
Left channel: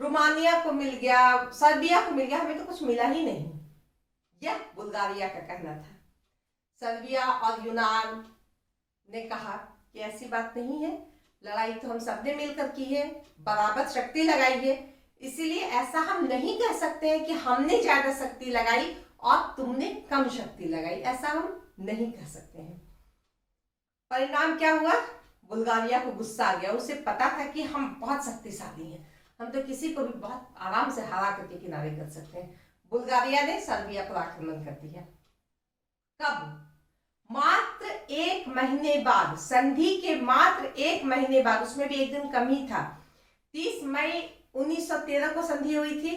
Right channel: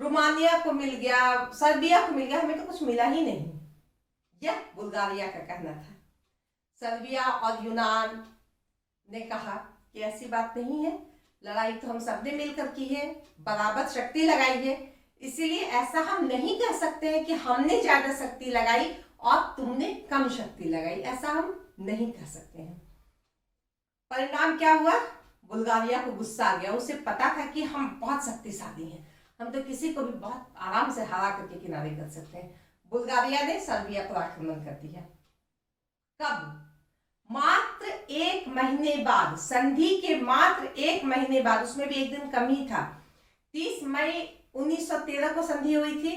रोमानिया को मिल गया, सर्बिया को मिल गया, हमें तो कुछ मिला ही नहीं। यह बुल्गारिया का कहना था। सर्बिया और यूनान ने कहा कि ऐसी बात नहीं है, लड़ाई तो हम सबने मिलकर की है, बराबर शक्ति लगाई है, इसीलिए ऐसा हम नहीं कह सकते हैं कि हमने ज्यादा शक्ति लगाई और तुमने कम शक्ति लगाई, ऐसा हम नहीं कह सकते हैं। परिणाम क्या हुआ? बुल्गारिया को गुस्सा आ गया। उसे पता था कि हम बहुत शक्तिशाली हैं, हम तो किसी को भी बहुत आराम से हरा करके किनारे कर सकते हैं। बुल्गारिया ने सर्बिया पर आक्रमण कर दिया। कब? मात्र 1 महीने बाद, संधि के मात्र 1 महीने बाद, उसमें भी एक दिन कम ही था। 30 मई 1913 को संधि हुई थी।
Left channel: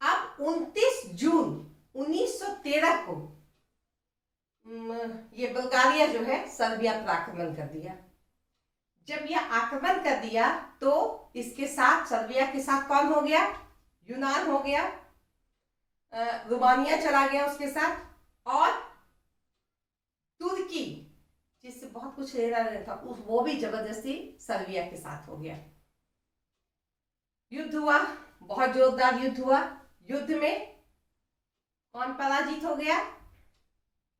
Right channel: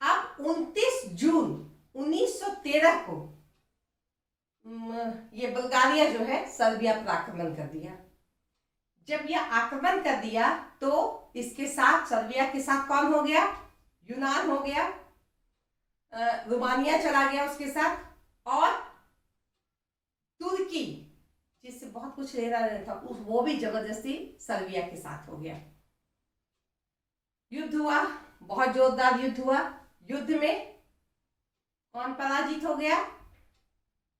अब 29 जून 1913 को ये बुल्गारिया जो है सर्बिया पर आक्रमण कर दिया। जब यह आक्रमण कर दिया तो इसके साथ, सर्बिया के साथ कौन हो गया? यूनान हो गया, रोमानिया चला गया उसके साथ, और तुर्की जिससे बहुत कुछ लेना था वो भी जबरदस्ती सर्बिया के साथ हो गया। युद्ध हुआ, बहुत जोरदार युद्ध हुआ। युद्ध में कौन पराजित हो गया?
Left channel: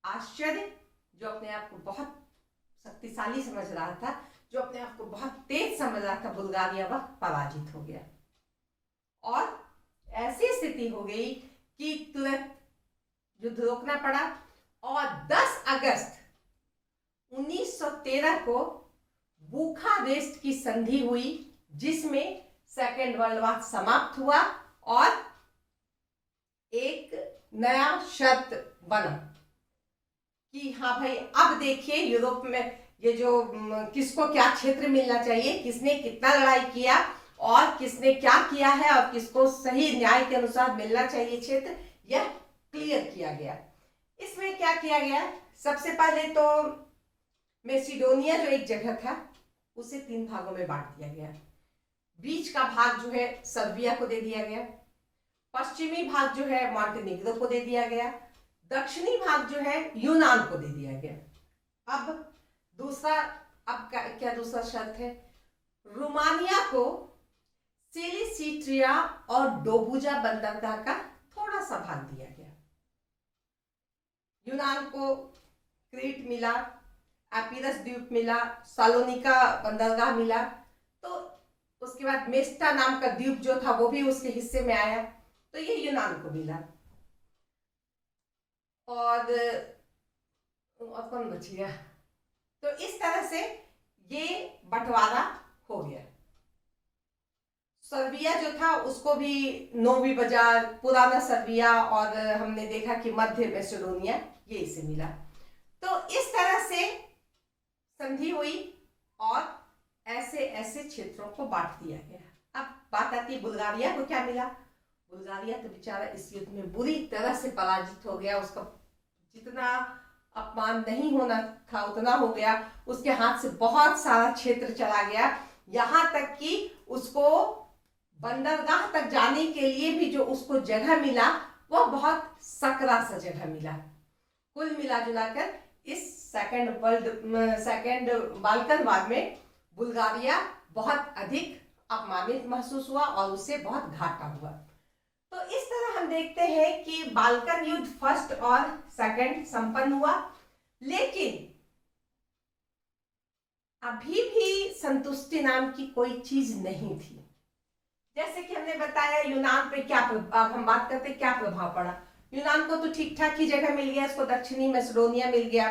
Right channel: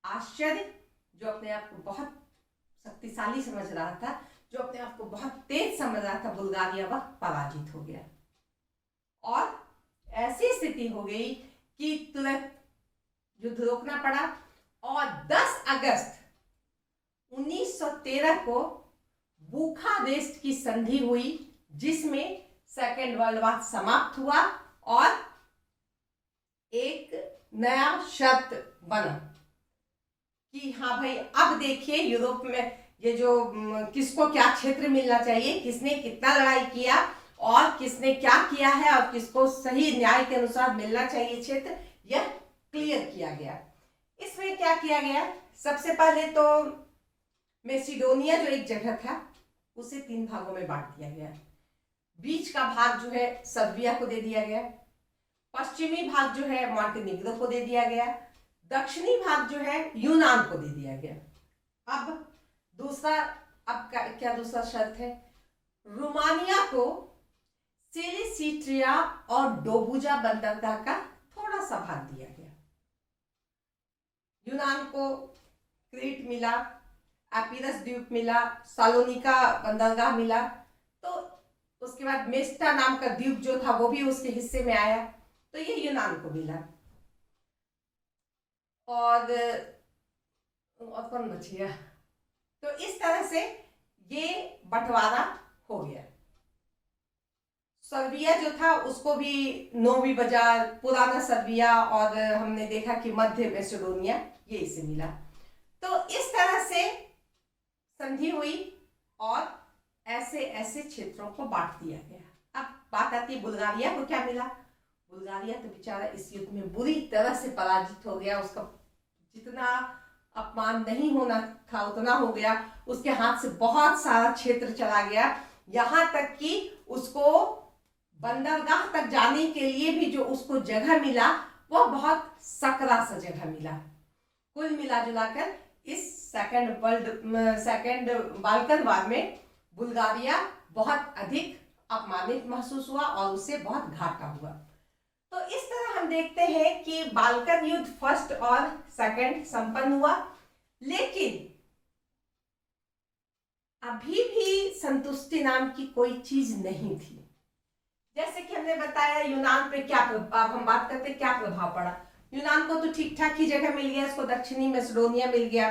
आश्चर्य, जो अपने आप को बहुत शक्तिशाली समझ रहा था, जो अपने आप को बहुत तेज समझ रहा था, बुल्गारिया, वह पराजित हो गया। और ऐसी स्थिति हो गई कि तुरंत युद्ध रोकना पड़ा और 10 अगस्त 1913 को बुखारेस्ट की संधि हुई, जिसमें सेकेंड वर्ल्ड वॉर समाप्त हुआ और एक नया शर्त बना कि हाँ भाई, अब देखिए यूरोप में ये जो किसको क्या क्षेत्र मिलना चाहिए, किसने कितना लड़ाई किया और किसने क्या किया है और किसको सही न्याय के अनुसार मिलना चाहिए क्षेत्र, यह क्लियर किया गया। इसमें क्या किया गया? सबसे पहले तो मैसिडोनिया जो एक जगह था उसे 3 भागों में बांट दिया गया। बीच का भाग जो है सर्बिया को दे दिया गया, पश्चिमी भाग जो है मॉन्टेनिग्रो को दे दिया गया, दक्षिणी भाग जो है यूनान को दे दिया गया। अब दूसरा, अब क्या दूसरा शर्त है? रोमानिया को सिलिसिट्रिया और डोबुजा बंदरगाह का थोड़ा सा भाग दिया गया। यूनान को क्रीट मिला, एपिरस द्वीप मिला, सालोनिका बंदरगाह मिला, तो उसके बाद मेस्टा नाम का द्वीप जो था वो भी उसके हिस्से में आया, तो ये यूनान को मिला। और कौन बच गया? तो इस तरह से ये बंटवारा हो गया। सर्बिया जो था उसको भी नोवी बाजार, पुराना सर्बिया, और हमने देखा कि मध्य मैसेडोनिया, ये इसे मिला। तो इस तरह से संधि हुई और ऐसे ऐसे क्षेत्रों को बांट दिया गया। अब बात आती है बुल्गारिया को क्या मिला? बुल्गारिया तो बेचारा इस युद्ध में बुरी तरह से पराजित हो गया। उसका जितना अपमान नहीं होना था उतना हो गया। उसके हाथ से बहुत सारा क्षेत्र चला गया, यहाँ तक कि उसको बंदरगाह तक जाने के लिए भी जो उसको जगह मिला वो बहुत सकरा सा जगह मिला। कुल मिला जुलाकर इस सेकेंड बाल्कन वार में बुल्गारिया बहुत अधिक अपमानित महसूस हुआ और उससे बहुत घाटा हुआ। तो इस तरह हम देखते हैं कि बाल्कन युद्ध फर्स्ट और सेकंड संपन्न हुआ, लेकिन अभी भी संतुष्टि नाम की कोई चीज नहीं थी। जैसे कि हमने बताया यूनान पे क्या प्रभाव, हम बात करते क्या प्रभाव पड़ा। यूनान को तो ठीक ठाक ही जगह मिल गया, इसको दक्षिणी मैसेडोनिया मिल गया,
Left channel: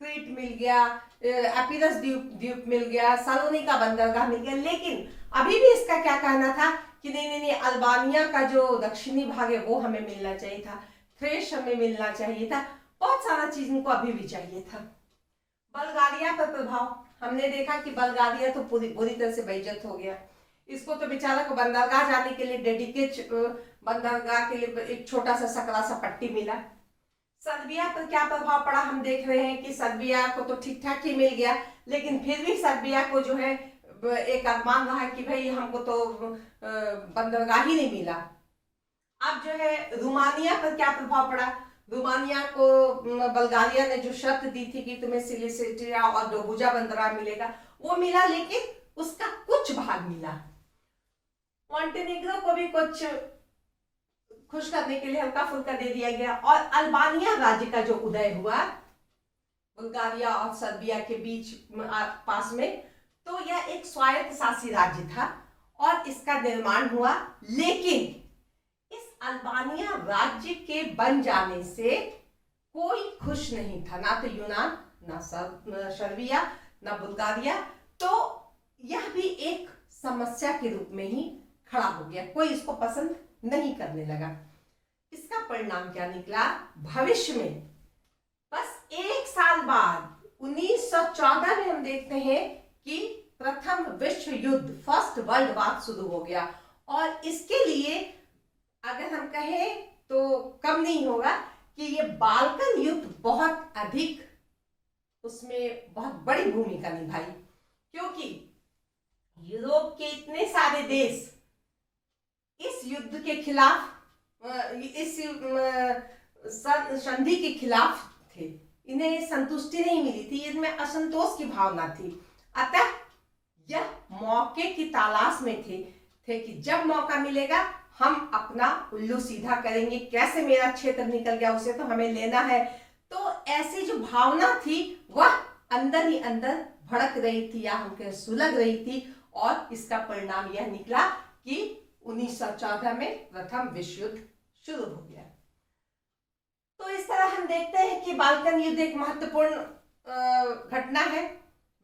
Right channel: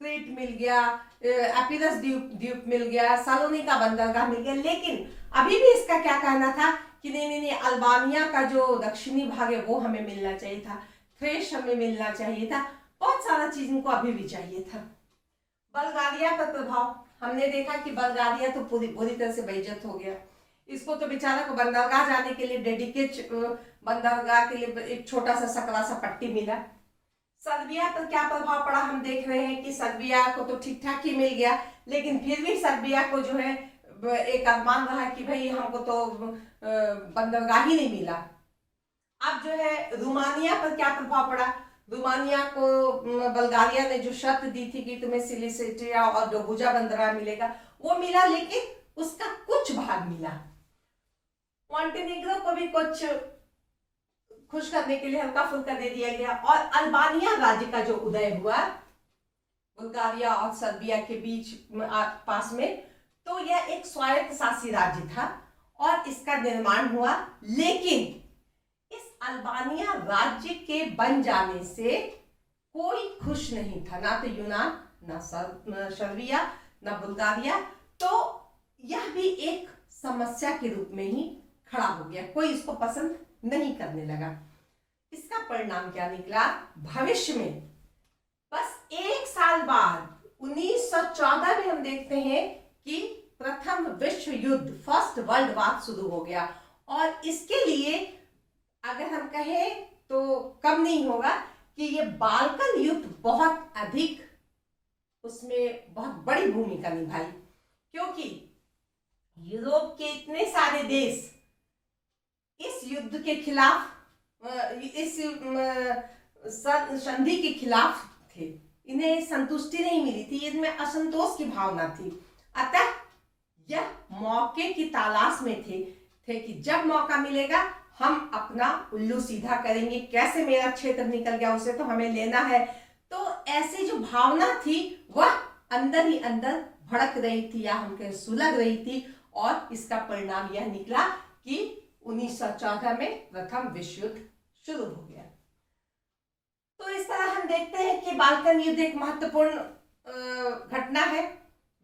क्रीट मिल गया, एपिरस द्वीप मिल गया, सालोनिका बंदरगाह मिल गया, लेकिन अभी भी इसका क्या कहना था कि नहीं, अल्बानिया का जो दक्षिणी भाग है वो हमें मिलना चाहिए था, थ्रेस हमें मिलना चाहिए था, बहुत सारा चीज इनको अभी भी चाहिए था। बल्गारिया का प्रभाव हमने देखा कि बल्गारिया तो पूरी तरह से बेइज्जत हो गया। इसको तो बेचारा को बंदरगाह जाने के लिए डेडिकेट बंदरगाह के लिए एक छोटा सा सकरा सा पट्टी मिला। सर्बिया पर क्या प्रभाव पड़ा हम देख रहे हैं कि सर्बिया को तो ठीक ठाक ही मिल गया, लेकिन फिर भी सर्बिया को जो है एक अरमान रहा कि भाई हमको तो बंदरगाह ही नहीं मिला। अब जो है रोमानिया पर क्या प्रभाव पड़ा? रोमानिया को बल्गारिया ने जो शर्त दी थी कि तुम्हें सिलिसिट्रिया और डोबुजा बंदरगाह मिलेगा, वो मिला, लेकिन उसका कुछ भाग मिला। मॉन्टेनेग्रो को भी कुछ खुश करने के लिए हल्का फुल्का दे दिया गया। और अल्बानिया राज्य का जो उदय हुआ बुल्गारिया और सर्बिया के बीच पास में, तो यह एक स्वायत्त शासी राज्य था और इसका निर्माण हुआ। लेकिन इस अल्बानिया राज्य के बन जाने से कोई खुश नहीं था, ना तो यूनान, ना सर्बिया, ना बुल्गारिया। तो यह भी एक समस्या के रूप में ही खड़ा हो गया, कोई इसको पसंद नहीं करने लगा। इसका परिणाम क्या निकला? भविष्य में बस एक साल बाद 1914 में हम देखते हैं कि प्रथम विश्व युद्ध, फर्स्ट वर्ल्ड वॉर शुरू हो गया। और इसके लिए अगर हम कहें तो कम नहीं होगा कि ये बाल्कन युद्ध बहुत अधिक, उसमें बहुत बड़ी भूमिका निभाई, क्योंकि यूरोप के इतने सारे देश इस युद्ध के खिलाफ, इस संधि के खिलाफ थे। इन्हें संतुष्टि नहीं मिली थी, इनमें असंतोष की भावना थी। अतः यह मौके की तलाश में थे कि जब मौका मिलेगा हम अपना उल्लू सीधा करेंगे, कैसे मेरा क्षेत्र निकल गया उसे तो हमें लेना है। तो ऐसी जो भावना थी वह अंदर ही अंदर भड़क रही थी, या हम कहें सुलग रही थी। और इसका परिणाम यह निकला कि 1914 में प्रथम विश्व युद्ध शुरू हो गया। तो इस तरह हम देखते हैं कि बाल्कन युद्ध एक महत्वपूर्ण घटना है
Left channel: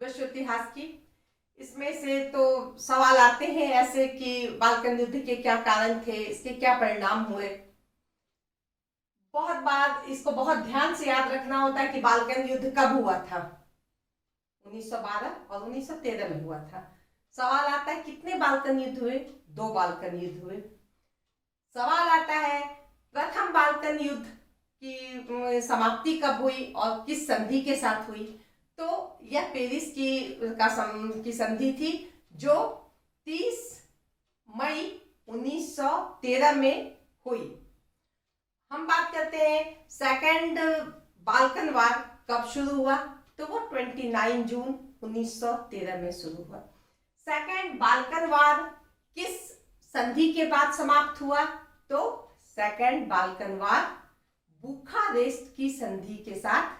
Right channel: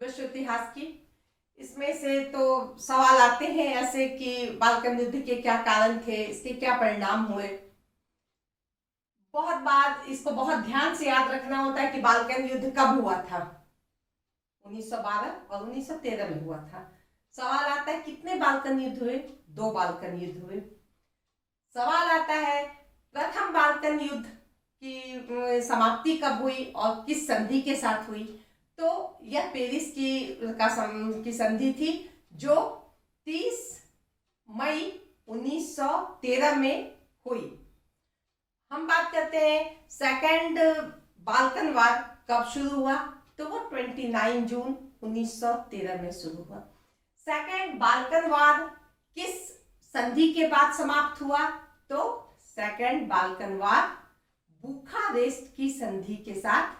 विश्व इतिहास की। इसमें से तो सवाल आते हैं ऐसे कि बाल्कन युद्ध के क्या कारण थे, इसके क्या परिणाम हुए। बहुत बार इसको बहुत ध्यान से याद रखना होता है कि बाल्कन युद्ध कब हुआ था। 1912 और 1913 में हुआ था। सवाल आता है कितने बाल्कन युद्ध हुए? 2 बाल्कन युद्ध हुए। सवाल आता है प्रथम बाल्कन युद्ध की समाप्ति कब हुई और किस संधि के साथ हुई? तो यह पेरिस की संधि थी जो 30 मई 1913 में हुई। हम बात करते हैं सेकंड बाल्कन वार कब शुरू हुआ, तो वो 29 जून 1913 में शुरू हुआ। सेकंड बाल्कन वार किस संधि के बाद समाप्त हुआ? तो सेकंड बाल्कन वार बुखारेस्ट की संधि के साथ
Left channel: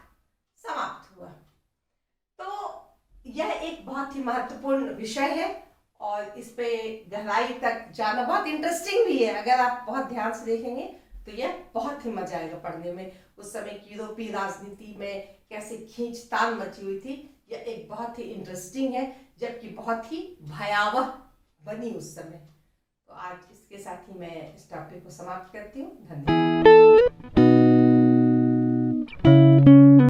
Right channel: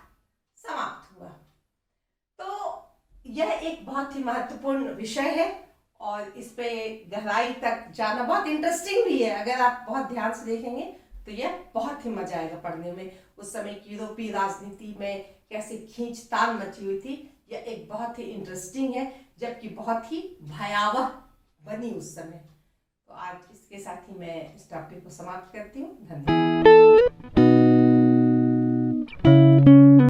समाप्त हुआ। तो यह एक बहुत ही महत्वपूर्ण विषय है और इस पे गहराई तक जाना बहुत इंटरेस्टिंग भी है। अगर आप बहुत ध्यान से देखेंगे तो यह बहुत ही मजा आएगा पढ़ने में। उस समय की यूरोपीय राजनीति में कैसे खींचतान मची हुई थी, यह एक बहुत ही इंटरेस्टिंग है, जबकि बहुत ही भयावह बनी उस समय। तो आज इसके साथ ही मैं इस टॉपिक को समाप्त करती हूँ। धन्यवाद।